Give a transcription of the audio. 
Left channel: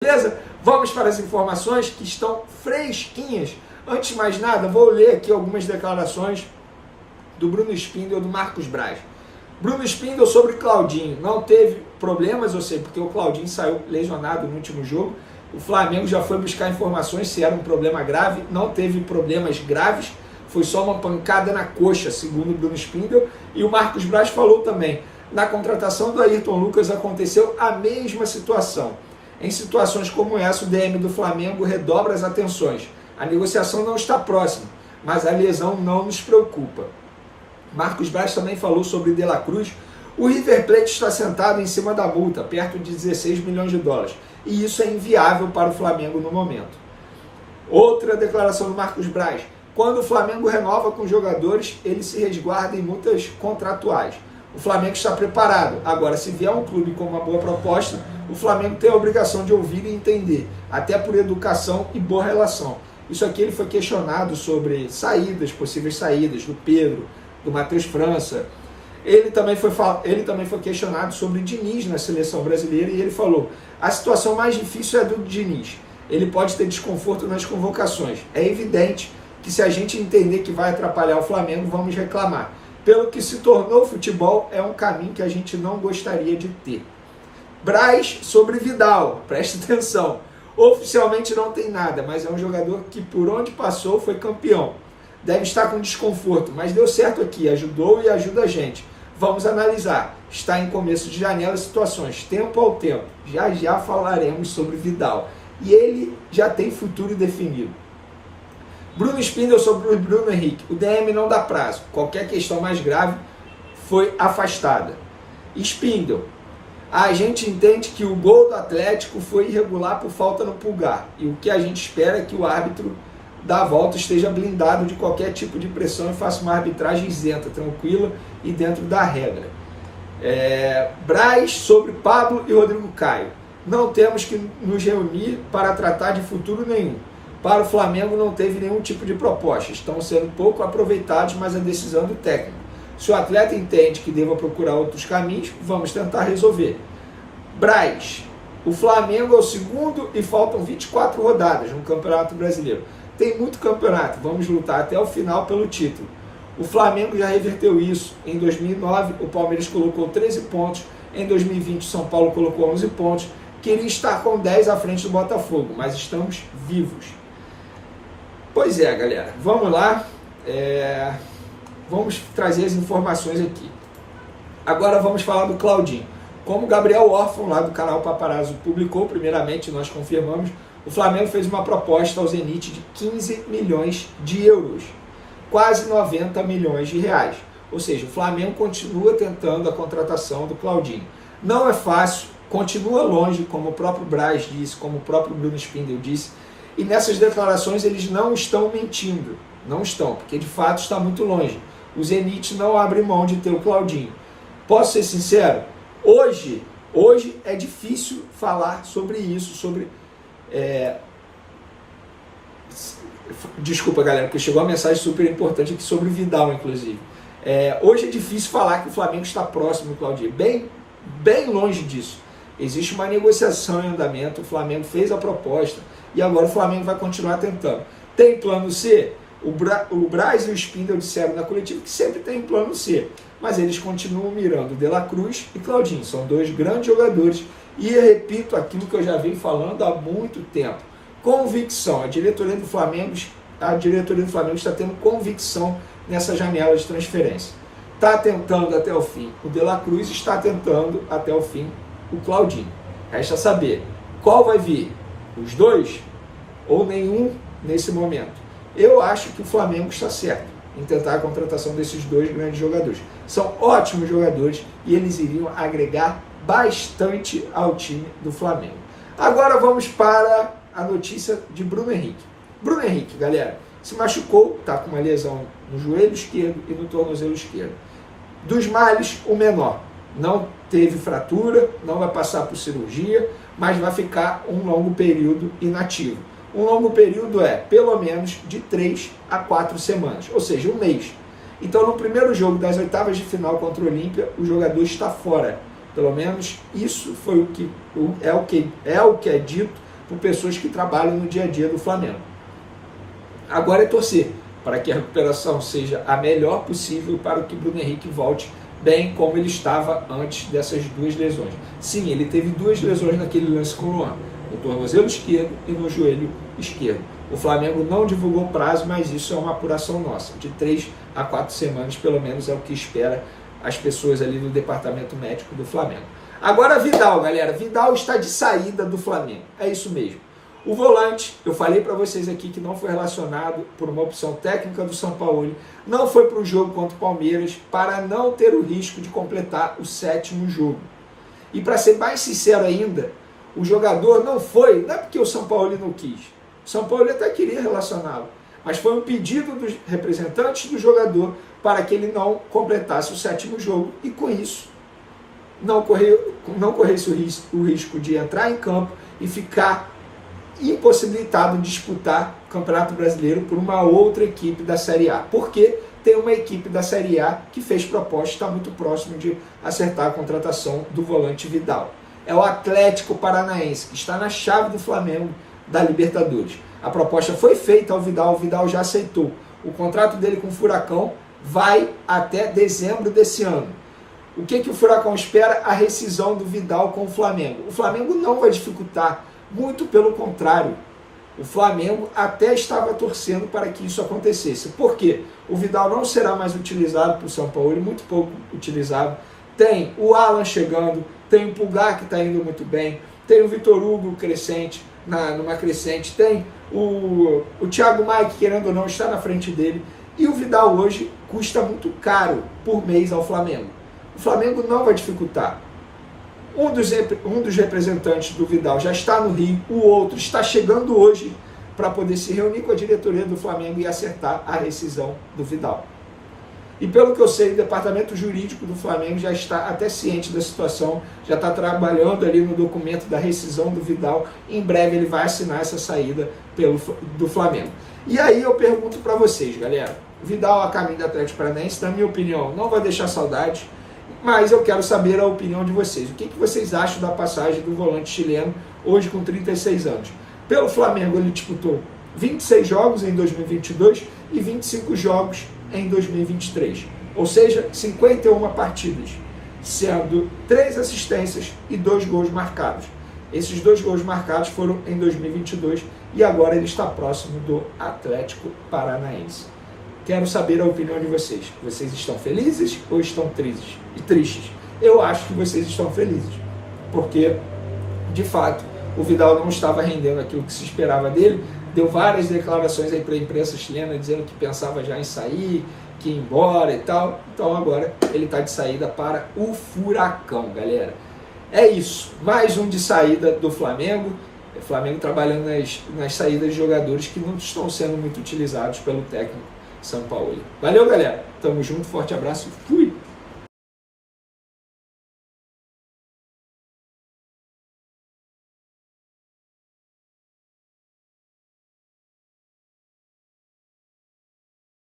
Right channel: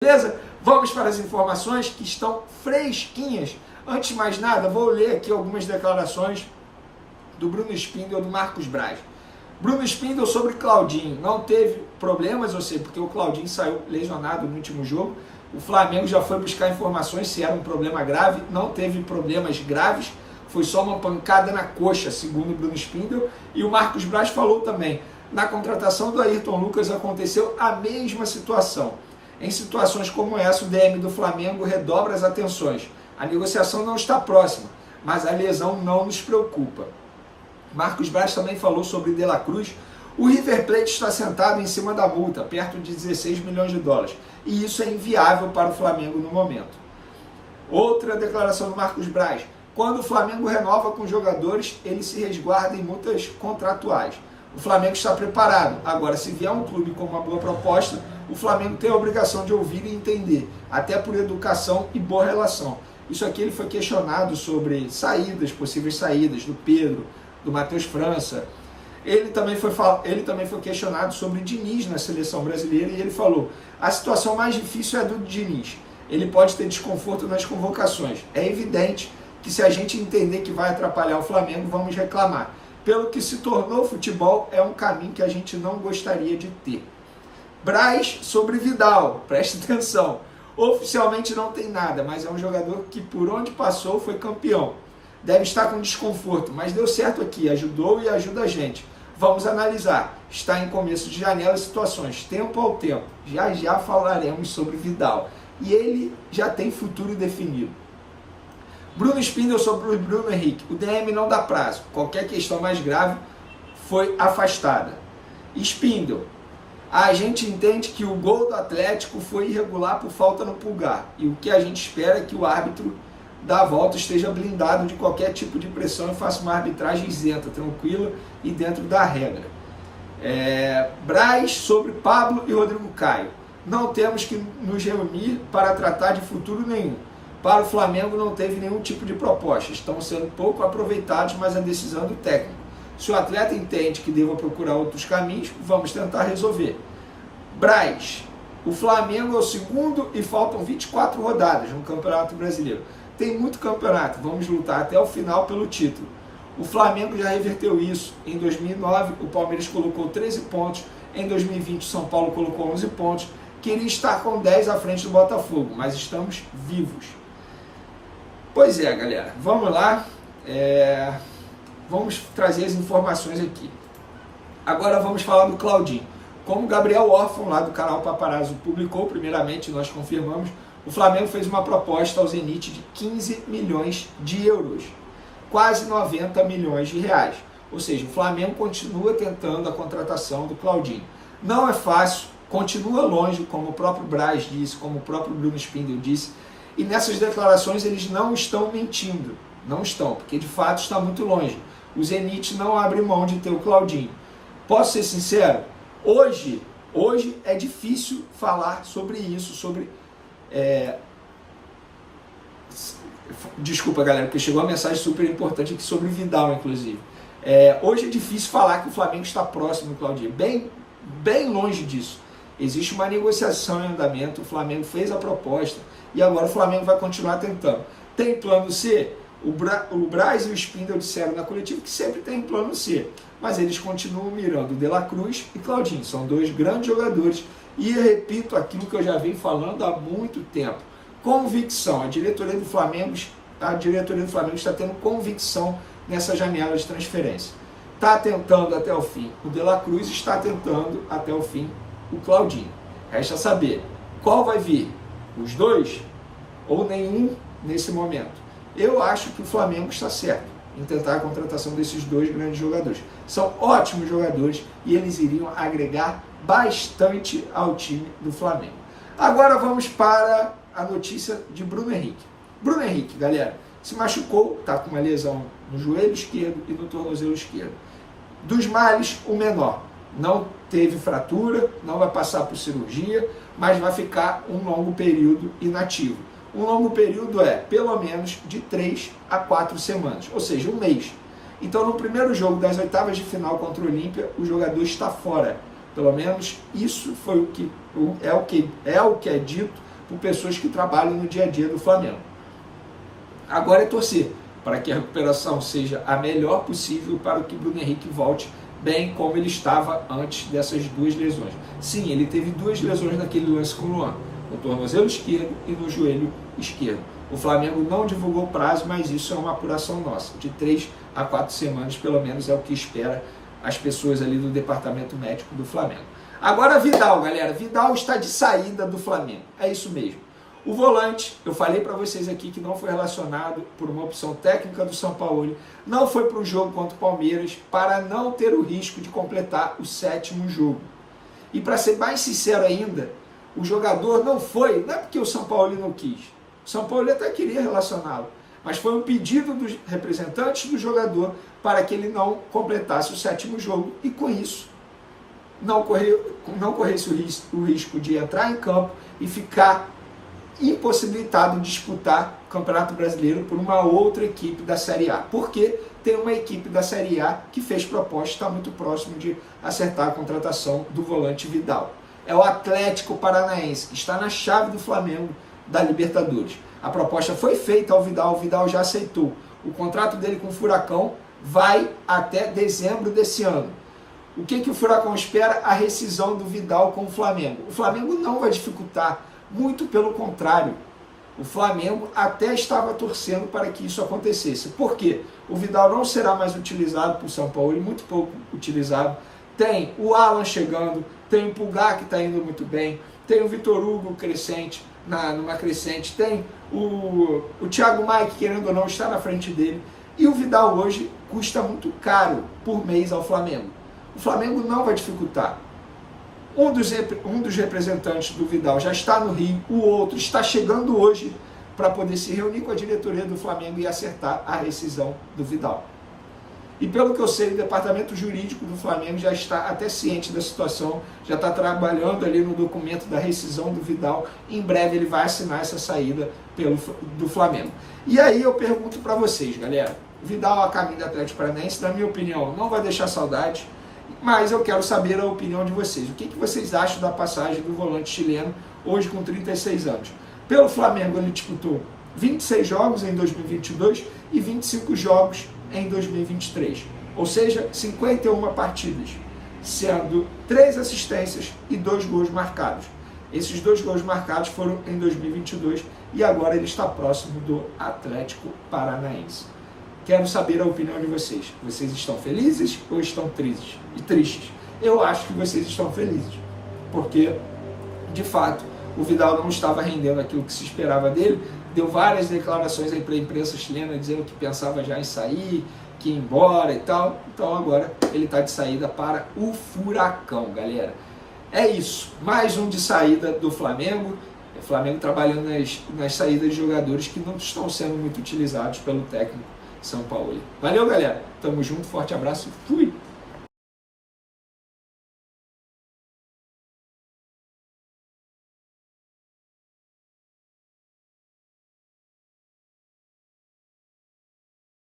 Beleza? Vamos para as informações que estão fresquinhas. Antes de mais nada, vou ler aqui algumas declarações do Bruno Spindel e do Marcos Braz. Bruno Spindel sobre Claudinho. Não teve problemas, eu sei, porque o Claudinho saiu lesionado no último jogo. O Flamengo já foi buscar informações se era um problema grave. Não teve problemas graves. Foi só uma pancada na coxa, segundo o Bruno Spindel. E o Marcos Braz falou também. Na contratação do Ayrton Lucas aconteceu a mesma situação. Em situações como essa, o DM do Flamengo redobra as atenções. A negociação não está próxima, mas a lesão não nos preocupa. Marcos Braz também falou sobre De La Cruz. O River Plate está sentado em cima da multa, perto de 16 milhões de dólares. E isso é inviável para o Flamengo no momento. Outra declaração do Marcos Braz. Quando o Flamengo renova com jogadores, ele se resguarda em multas contratuais. O Flamengo está preparado. Agora, se vier um clube com uma boa proposta, o Flamengo tem a obrigação de ouvir e entender, até por educação e boa relação. Isso aqui ele foi questionado sobre saídas, possíveis saídas do Pedro, do Matheus França. Ele também foi questionado sobre Diniz na seleção brasileira e ele falou: a situação mais difícil é a do Diniz. Ele pode ter desconforto nas convocações. É evidente que se a gente entender que vai atrapalhar o Flamengo, vamos reclamar. Pelo que se tornou o futebol, é um caminho que a gente não gostaria de ter. Braz sobre Vidal, preste atenção. Oficialmente não tem nada, mas é um jogador que por onde passou foi campeão. Deve estar com desconforto, mas deu certo aqui, ajudou e ajuda a gente. Vamos analisar. Está em começo de janela e situações, tempo ao tempo. Já falaremos sobre Vidal. E ele já tem futuro definido. Bruno Spindel sobre o Bruno Henrique. O DM não dá prazo. Qualquer questão mais grave foi afastada. Spindel. A gente entende que o gol do Atlético foi irregular por falta no Pulgar. E o que a gente espera é que o árbitro da volta esteja blindado de qualquer tipo de pressão e faça uma arbitragem isenta, tranquila e dentro da regra. Braz sobre Pablo e Rodrigo Caio. Não temos que nos reunir para tratar de futuro nenhum. Para o Flamengo não teve nenhum tipo de proposta. Estão sendo pouco aproveitados, mas a decisão do técnico. Se o atleta entende que deva procurar outros caminhos, vamos tentar resolver. Braz, o Flamengo é o segundo e faltam 24 rodadas no Campeonato Brasileiro. Tem muito campeonato, vamos lutar até o final pelo título. O Flamengo já reverteu isso. Em 2009, o Palmeiras colocou 13 pontos. Em 2020, o São Paulo colocou 11 pontos. Queria estar com 10 à frente do Botafogo, mas estamos vivos. Pois é, galera, vamos lá. Vamos trazer as informações aqui. Agora vamos falar do Claudinho. Como o Gabriel Órfão, lá do canal Paparazzo, publicou, primeiramente, nós confirmamos, o Flamengo fez uma proposta ao Zenit de 15 milhões de euros, quase 90 milhões de reais. Ou seja, o Flamengo continua tentando a contratação do Claudinho. Não é fácil, continua longe, como o próprio Braz disse, como o próprio Bruno Spindel disse, e nessas declarações eles não estão mentindo, não estão, porque de fato está muito longe. O Zenit não abre mão de ter o Claudinho. Posso ser sincero? Hoje é difícil falar sobre isso, Desculpa, galera, porque chegou uma mensagem super importante aqui sobre o Vidal, inclusive. Hoje é difícil falar que o Flamengo está próximo do Claudinho, bem longe disso. Existe uma negociação em andamento, o Flamengo fez a proposta e agora o Flamengo vai continuar tentando. Tem plano C? O Braz e o Spindel disseram na coletiva que sempre tem plano C, mas eles continuam mirando De La Cruz e Claudinho. São dois grandes jogadores e eu repito aquilo que eu já venho falando há muito tempo. Convicção. A diretoria do Flamengo está tendo convicção nessa janela de transferência. Está tentando até o fim o De La Cruz, está tentando até o fim o Claudinho. Resta saber qual vai vir, os dois ou nenhum nesse momento. Eu acho que o Flamengo está certo em tentar a contratação desses dois grandes jogadores. São ótimos jogadores e eles iriam agregar bastante ao time do Flamengo. Agora vamos para a notícia de Bruno Henrique. Bruno Henrique, galera, se machucou, está com uma lesão no joelho esquerdo e no tornozelo esquerdo. Dos males, o menor. Não teve fratura, não vai passar por cirurgia, mas vai ficar um longo período inativo. Um longo período é pelo menos de 3 a 4 semanas, ou seja, um mês. Então, no primeiro jogo das oitavas de final contra o Olímpia, o jogador está fora. Pelo menos isso foi o que é dito por pessoas que trabalham no dia a dia do Flamengo. Agora é torcer para que a recuperação seja a melhor possível para que Bruno Henrique volte bem como ele estava antes dessas duas lesões. Sim, ele teve duas lesões naquele lance com o Luan, no tornozelo esquerdo e no joelho esquerdo. O Flamengo não divulgou prazo, mas isso é uma apuração nossa. De 3 a 4 semanas, pelo menos, é o que espera as pessoas ali do departamento médico do Flamengo. Agora Vidal, galera. Vidal está de saída do Flamengo. É isso mesmo. O volante, eu falei para vocês aqui que não foi relacionado por uma opção técnica do São Paulo, não foi para o jogo contra o Palmeiras para não ter o risco de completar o 7º jogo. E para ser mais sincero ainda, o jogador não é porque o São Paulo não quis. O São Paulo até queria relacioná-lo, mas foi um pedido dos representantes do jogador para que ele não completasse o 7º jogo e com isso não corresse o risco de entrar em campo e ficar impossibilitado de disputar o Campeonato Brasileiro por uma outra equipe da Série A. Porque tem uma equipe da Série A que fez proposta e está muito próximo de acertar a contratação do volante Vidal. É o Atlético Paranaense, que está na chave do Flamengo da Libertadores. A proposta foi feita ao Vidal, o Vidal já aceitou. O contrato dele com o Furacão vai até dezembro desse ano. O que o Furacão espera? A rescisão do Vidal com o Flamengo. O Flamengo não vai dificultar, muito pelo contrário. O Flamengo até estava torcendo para que isso acontecesse. Por quê? O Vidal não será mais utilizado por São Paulo, muito pouco utilizado. Tem o Alan chegando, tem o Pulgar que está indo muito bem, tem o Vitor Hugo crescente, numa crescente, tem o Thiago Maia, que querendo ou não está na frente dele, e o Vidal hoje custa muito caro por mês ao Flamengo. O Flamengo não vai dificultar. Um dos representantes do Vidal já está no Rio, o outro está chegando hoje para poder se reunir com a diretoria do Flamengo e acertar a rescisão do Vidal. E pelo que eu sei, o departamento jurídico do Flamengo já está até ciente da situação, já está trabalhando ali no documento da rescisão do Vidal. Em breve ele vai assinar essa saída do Flamengo. E aí eu pergunto para vocês, galera, Vidal a caminho do Atlético Paranaense, na minha opinião, não vai deixar saudade, mas eu quero saber a opinião de vocês. O que vocês acham da passagem do volante chileno, hoje com 36 anos? Pelo Flamengo ele disputou 26 jogos em 2022 e 25 jogos em 2023, ou seja, 51 partidas, sendo 3 assistências e 2 gols marcados. Esses 2 gols marcados foram em 2022 e agora ele está próximo do Atlético Paranaense. Quero saber a opinião de vocês. Vocês estão felizes ou estão tristes? Eu acho que vocês estão felizes, porque, de fato, o Vidal não estava rendendo aquilo que se esperava dele. Deu várias declarações aí para a imprensa chilena, dizendo que pensava já em sair, que ia embora e tal. Então agora ele está de saída para o Furacão, galera. É isso, mais um de saída do Flamengo. O Flamengo trabalhando nas saídas de jogadores que não estão sendo muito utilizados pelo técnico São Paulo. Valeu, galera. Tamo junto, forte abraço, fui!